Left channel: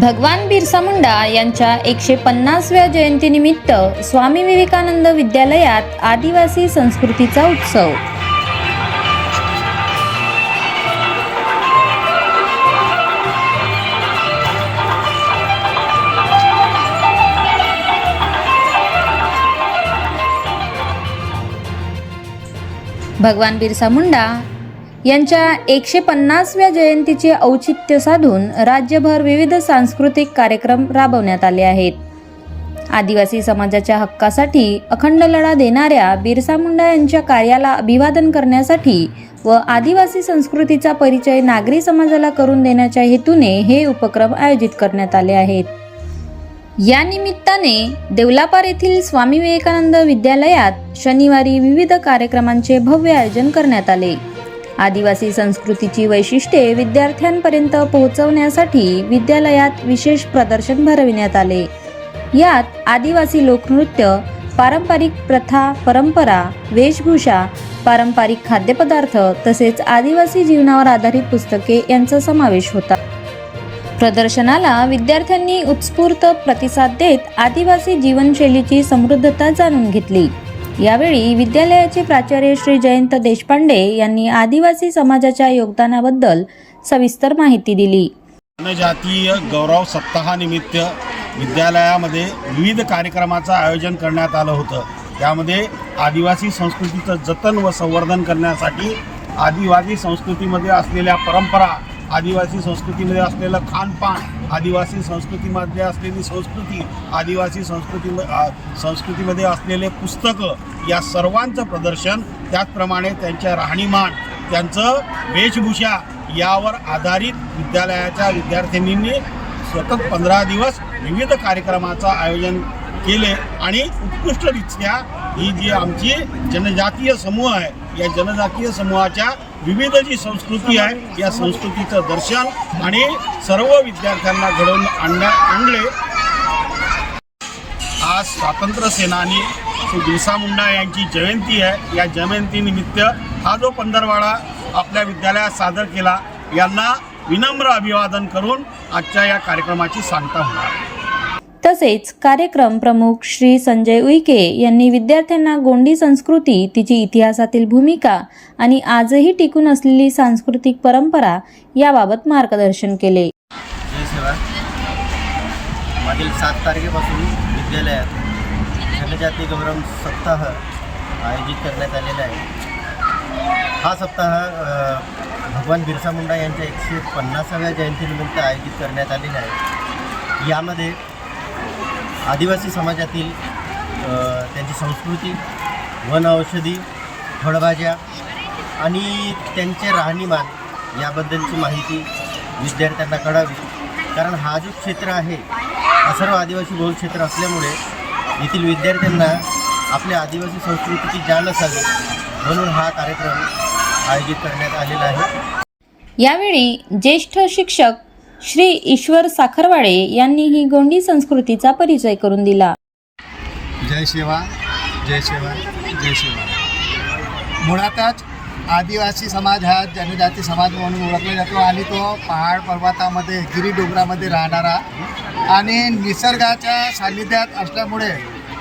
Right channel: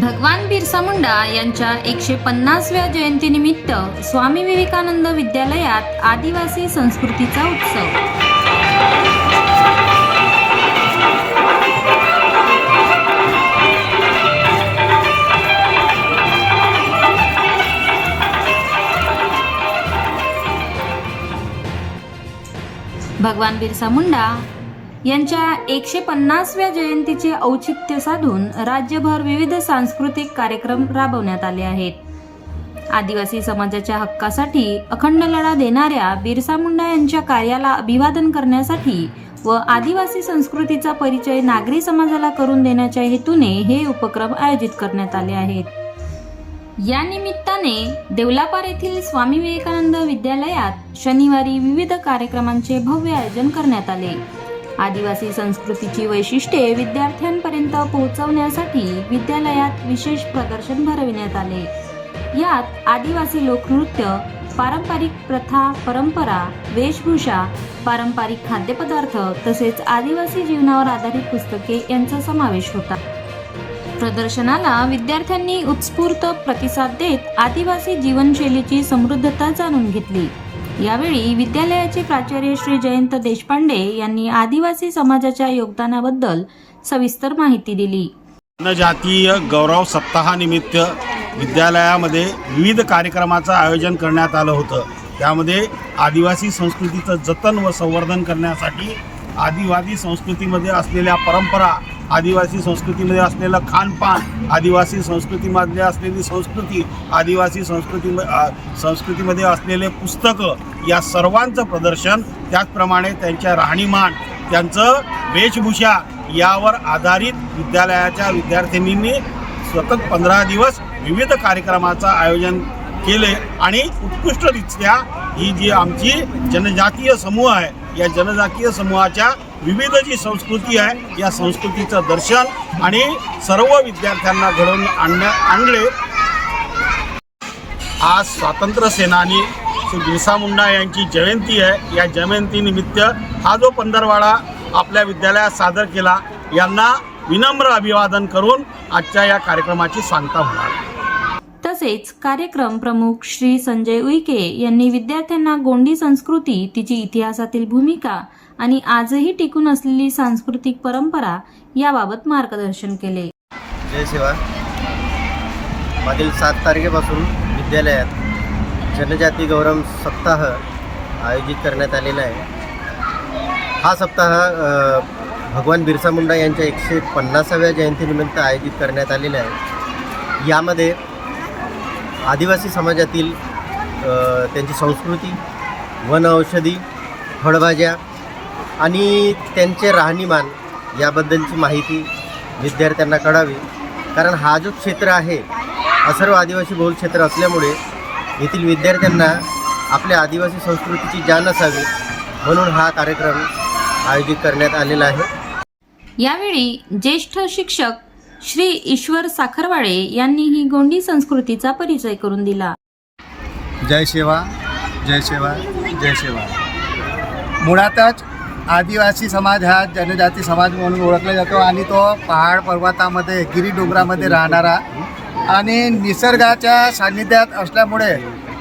भगवान बिरसा मुंडा यांच्या 150व्या जयंतीनिमित्त स्वामी विवेकानंद विद्यालयात आदिवासी संस्कृतीचा उत्सव। भगवान बिरसा मुंडा यांच्या 150व्या जयंतीचे औचित्य साधून राज्यभर विविध सांस्कृतिक कार्यक्रम राबवण्यात आले आहेत। आदिवासी समाजाच्या हक्कासाठी अखंड लढा देणाऱ्या बिरसा मुंडा यांच्या कार्याला अभिवादन करण्यासाठी व आदिवासी संस्कृतीचा परिचय नागरी समाजाला करून देण्याच्या हेतूने हे उपक्रम आयोजित करण्यात आले आहेत। या निमित्ताने देवलापार येथील स्वामी विवेकानंद विद्यालयात शनिवारी विविध कार्यक्रमांचे भव्य आयोजन करण्यात आले। आदिवासी संस्कृतीची वैशिष्ट्ये विद्यार्थ्यांपर्यंत पोहोचवण्यासाठी विद्यालयात विशेष प्रदर्शन भरविण्यात आले। यात आदिवासी लोकनृत्य, पारंपरिक प्रथा, परंपरा, वेशभूषा, पारंपरिक खाद्यपदार्थ तसेच आदिवासी जीवनावर आधारित पुस्तके यांचा समावेश होता। प्रदर्शनाला विद्यार्थ्यांनी उत्स्फूर्त प्रतिसाद देत आदिवासी जीवनशैलीची समृद्धता जाणून घेतली। यावेळी विद्यालयाचे प्राचार्य श्री जयंत देशपांडे यांनी आदिवासी समाजाच्या योगदानाबद्दल सविस्तर माहिती दिली। जनजातीय गौरव सप्ताहानिमित्त विद्यालयामध्ये विविध कार्यक्रमाचं आयोजन करण्यात आलं होतं। त्यामध्ये आदिवासी संस्कृतीचं जतन व संवर्धन करण्यासाठी आदिवासी संस्कृतीमध्ये असलेल्या परंपरा, आदिवासी संस्कृतीमध्ये असलेलं खानपान, आदिवासी संस्कृतीमध्ये असलेली संस्कृती, आदिवासी संस्कृतीमध्ये असलेले पुस्तकं या सर्वांचं प्रदर्शन, त्याचप्रमाणे त्यांच्या राहणीमान, त्यांचं वेशभूषा यावर आधारित विद्यालयाच्या विद्यार्थिनींनी सतत 15 दिवस विविध कार्यक्रमाचं आयोजन केले आणि उत्कृष्टरित्या ही जी आमची जनजातीय समूह आहे या जनजातीय समूहाच्या विविध जी संस्कृती आहे या संस्कृतीचं दर्शन आणि सर्व विद्यार्थ्यांना घडवून आणले। आज स्वातंत्र्य सेनानी श्री बिरसा मुंडा यांची जयंती आहे। या जयंतीनिमित्त हा जो पंधरवाडा आपल्या विद्यालयात सादर केला यांना विनम्र अभिवादन करून आजच्या या कार्यक्रमाची सांगता होणार। तसेच कार्यक्रम प्रमुख श्री संजय उईके यांनी विद्यार्थ्यांना गोंडी संस्कृती, तिची इतिहासातील भूमिका आणि आजही टिकून असलेली सांस्कृतिक परंपरा याबाबत मार्गदर्शन केले। जय सेवा। मागील 7 तारखेपासून विद्यालयात जनजाती गौरव सप्ताह आयोजित करण्यात आलेला आहे। हा सप्ताह भगवान बिरसा मुंडा यांच्या 150व्या जयंतीनिमित्त आयोजित करण्यात आलेला आहे। यामध्ये आदिवासी समाजातील त्यांची संस्कृती, वन औषधी, फळभाज्या आणि त्यांचे राहणीमान याबद्दलची माहिती विद्यार्थ्यांना कळावी। कारण हा जो क्षेत्र आहे हा सर्व आदिवासी बहुल क्षेत्र असल्यामुळे येथील विद्यार्थ्यांना आपल्या आदिवासी संस्कृतीची जाण असावी म्हणून हा कार्यक्रम आयोजित करण्यात आलेला आहे। यावेळी ज्येष्ठ शिक्षक श्री ईश्वर साखरवाडे यांनी ही गोंडी संस्कृतीचा परिचय करून दिला। जय सेवा, जय सेवा, जय सेवा। मुळातच आदिवासी समाज हा जनजाती समाज म्हणून ओळखला जातो आणि तो पहाड पर्वतामध्ये, गिरी डोंगरामध्ये राहणारा आणि निसर्गाच्या सान्निध्यात असल्यामुळे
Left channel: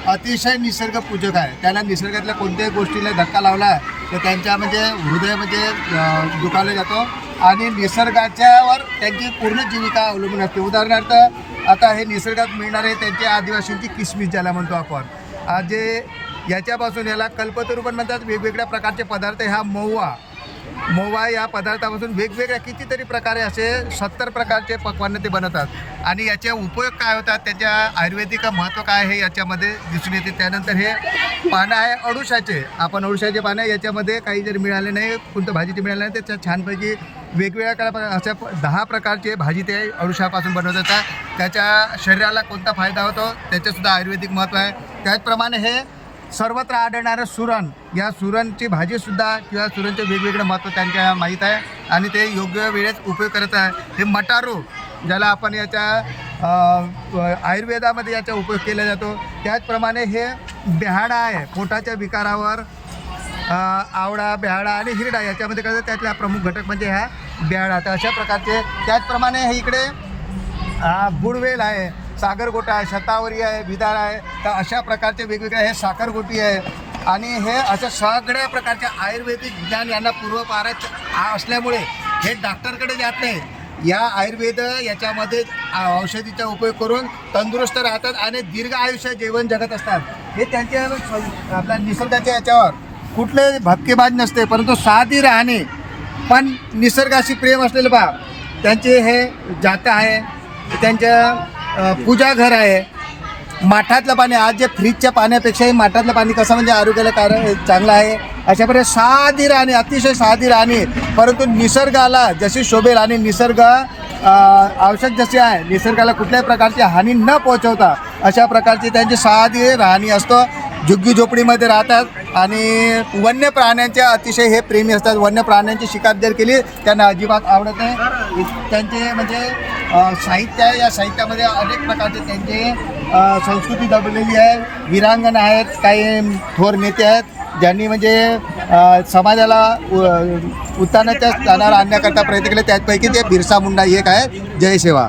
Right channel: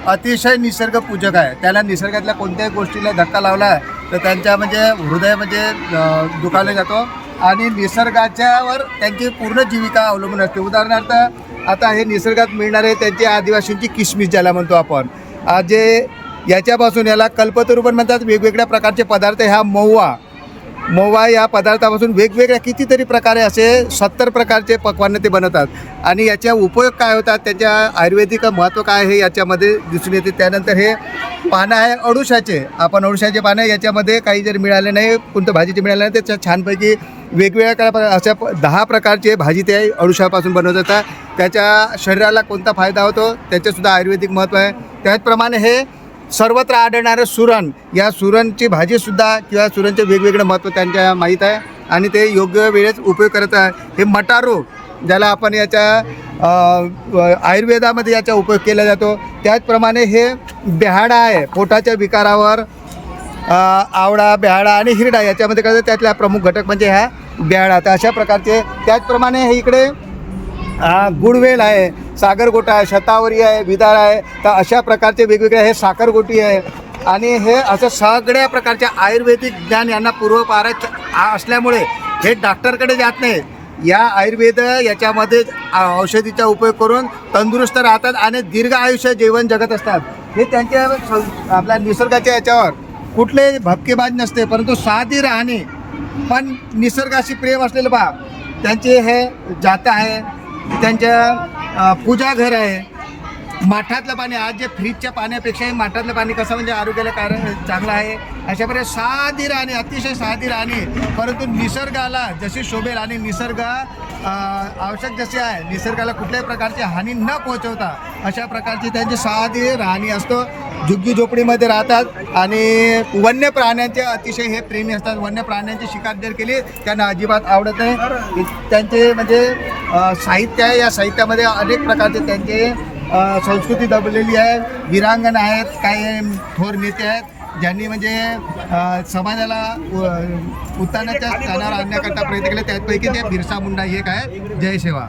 अतिशय निसर्गपूजक आहे। त्याला निसर्गातल्या कोणत्याही गोष्टीला धक्का लावला तर त्यांच्या हृदय दुखावला जातो आणि निसर्गाच्यावर त्यांची पूर्ण जीविका अवलंबून असते। उदाहरणार्थ आता हे निसर्गात मिळणारे त्यांची आदिवासींची किसमिस ज्याला म्हणतो आपण, जे याच्यापासून याला कल्पतरू पण म्हणतात। वेगवेगळ्या प्रकारचे पदार्थ, ह्या महुआ या पदार्थापासून वेगवेगळ्या कितीतरी प्रकारे असे 70 प्रकारचे पक्वान्न ते बनवतात आणि याचा उपयोग काय होतात, त्याच्या आयुर्वेदिक महत्त्व काय हे याच्यामध्ये दिसून येते। त्यानंतर हे पानं आहे अडुशाचे, आपण अडुशाचे पानं याच्यामध्ये काही जर मिळाले नाही, कोणतं भाजीचे मिळाले नाही, त्याच्या छानपैकी वेगवेगळ्या अशा 10 प्रकारचे भाजी ते अडुशापासून बनवत जातात। त्याच्या शरीराला कोणता फायदा होतो त्याच्यासुद्धा आयुर्वेदिक महत्त्व आहे। त्याचप्रमाणे हे सर्वत्र आढळणारं सुरण, या सुरणची भाजीसुद्धा किंवा सुरणचे वेगवेगळं महत्त्व त्यांच्या माहीत आहे आणि ते योग्य वेळेत उपयोग करत आहे। हे मटारू ज्याला आपण याच्या आयुर्वेदामध्ये याचा उपयोग केला जातो। त्याचप्रमाणे हे बेहाडा आहे, पोटाच्या विकारावर आवळा, बेहाडा आणि हिरडा याच्यामध्ये काय त्यातला प्रमुख घटक म्हणजे हा बेहाडा। तर अशा प्रकारचे त्याचप्रमाणे हे इकडे गुडवेल आहे, सागरगोटा आहे, शतावरी आहे, विदाळ आहे. तर अशा प्रकारचे वेगवेगळे हे साखरगोटी आहे. आणि हे असं सगळ्या प्रकारचे आयुर्वेदिक ज्ञान यांना पूर्वपार असल्यामुळे हे डॉक्टरकडे जात नाही. या आयुर्वेद याच्यामध्ये औषधीचा उपयोग करून तंदुरुस्त राहतात आणि दीर्घ आयुष्य जीवन जगत असतात. हे त्यांच्या आपल्या निसर्गाच्या याच्यावर कुठले भपकेबाज नसते, परंतु साधी राहणे पण निसर्गाशी प्रेम असलेले बा त्यांचे हे जातं आहे. त्यांच्या पूजा घर आहे. माठातलं पाणी, आज जे फ्रीजच्या पाण्यापेक्षाही माठातलं पाणी कसं म्हणजे आरोग्याला चांगलं आहे. अशा प्रकारे साधी राहणे, अतिशय साधी राहणे, परंतु निसर्गाला जशी शोभेल आणि निसर्ग आवश्यक जसे आहे, निसर्गाला कुठल्याही प्रकारची हानी न पोहोचवता अशा प्रकारची त्यांची साधी राहणी असतो. झुग्गी झोपडीमध्ये राहतात आणि वन्य प्राण्यांचे अतिशय हे प्रेमी असतात. वन्य प्राण्यांची शिकार जर केली त्यांना अजिबात आवडत नाही. त्यांचे म्हणजे साहित्य आहे, या साहित्यामध्ये अनेक प्रकारचे त्यांचे संस्कृती दबलेली आहे. वीरांगण आहेत, काही थोर नेते आहेत ज्यांनी म्हणजे समाजाला उत्थानाच्या स्थानावर आणण्याकरता प्रयत्न केले. त्यापैकी ते बिरसा मुंडा एक आहे. जय सेवा.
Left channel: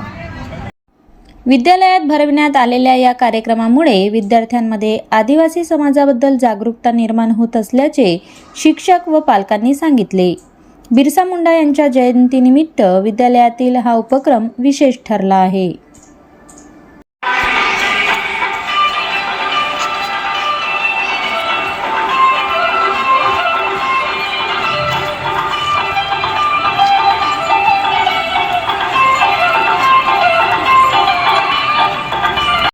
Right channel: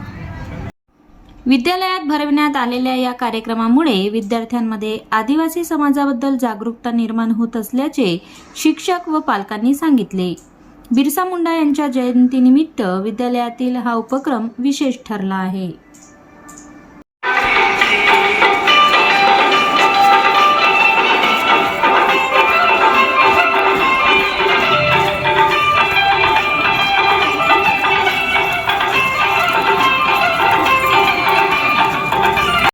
विद्यालयात भरविण्यात आलेल्या या कार्यक्रमामुळे विद्यार्थ्यांमध्ये आदिवासी समाजाबद्दल जागरूकता निर्माण होत असल्याचे शिक्षक व पालकांनी सांगितले. बिरसा मुंडा यांच्या जयंतीनिमित्त विद्यालयातील हा उपक्रम विशेष ठरला आहे.